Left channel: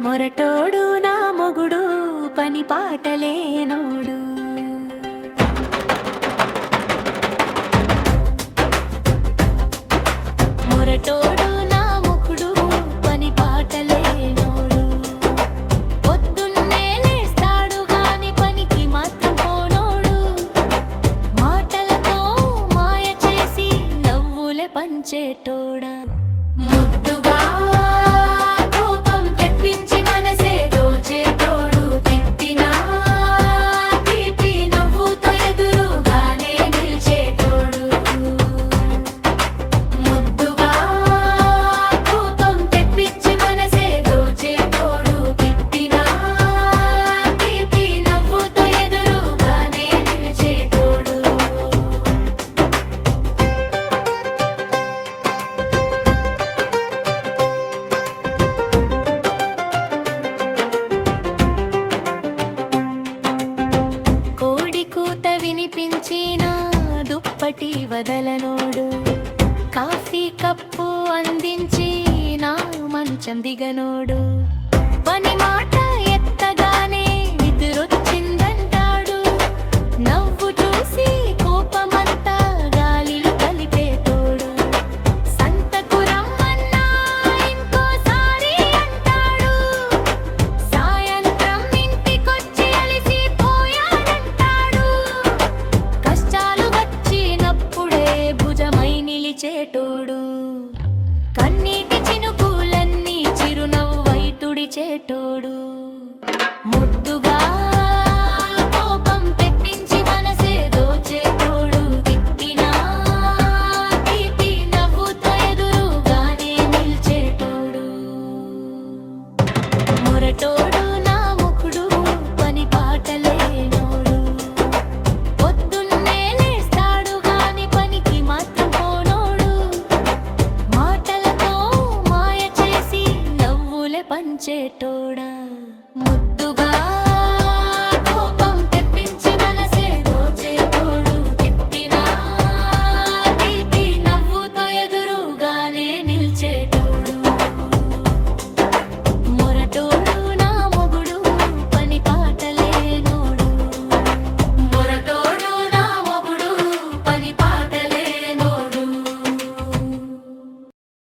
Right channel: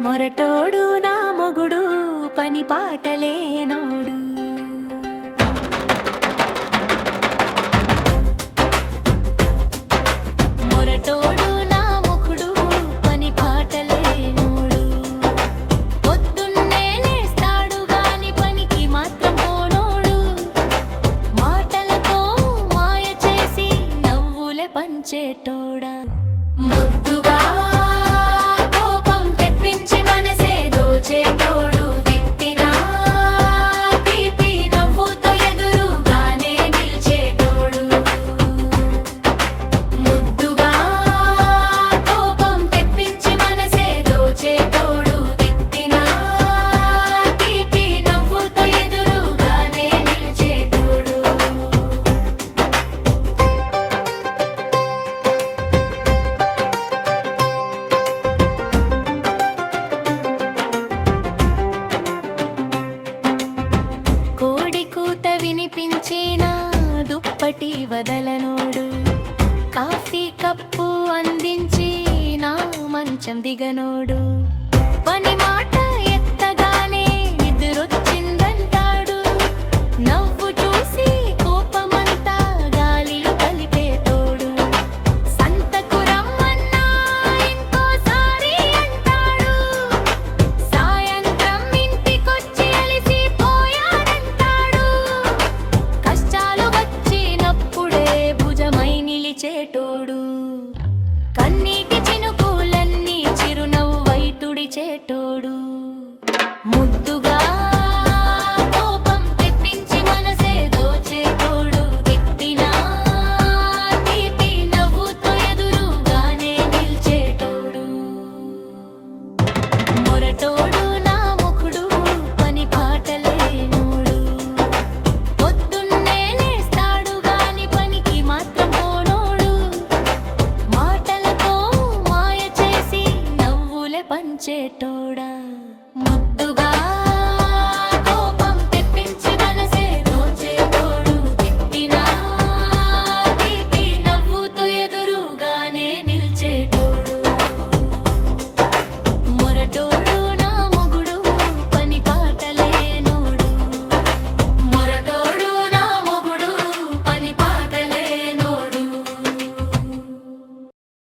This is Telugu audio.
మొరటోడు నా మొగుడు పని పాటలేనోడు. మొరటోడు నా మొగుడు పని పాటలేనోడు. పొద్దున్నే లేస్తాడు గాని పనికి మాత్రం పోనోడు. మాటలతో మాయ చేసి నవ్వులే పంచేటోడా. ముద్దుగా కోపం తెప్పించి మనసే దోచేటోడు. తిట్టినా తీపి నవ్వుతో ఎదురుగానే నిల్చేటోడు. ముద్దుగా కోపం తెప్పించి మనసే దోచేటోడు. తిట్టినా తీపి నవ్వుతో ఎదురుగానే నిల్చేటోడు. కోడి కూత వినిపించిన దుప్పటి వదలనోడు. కాఫీ కప్పు అందించి నా మంచం దిగనోడు. పని మాట ఎత్తగానే నిద్రొచ్చిందంటాడు. నవ్వు చూసి కోపమంతా గాలిలో కలిపేటోడు. సంతకు రమ్మన్నా ఇంకోసారి అంటాడు. సాయంత్రం ఇంటికొచ్చి అలిసిపోయాడంటాడు. కష్టాలు వచ్చినప్పుడే భుజమై నిలిచేటోడు. కన్నీటి చినుకులన్నీ చిరునవ్వై తుడిచేటోడు. ముద్దుగా కోపం తెప్పించి మనసే దోచేటోడు. తిట్టినా తీపి నవ్వుతో ఎదురుగానే నిల్చేటోడు. మొరటోడు నా ముఖుడు పని పాటలేనోడు. పొద్దున్నే లేస్తాడు గాని పనికి మాత్రం పోనోడు. మాటలతో మాయ చేసి నవ్వులే పంచేటోడా.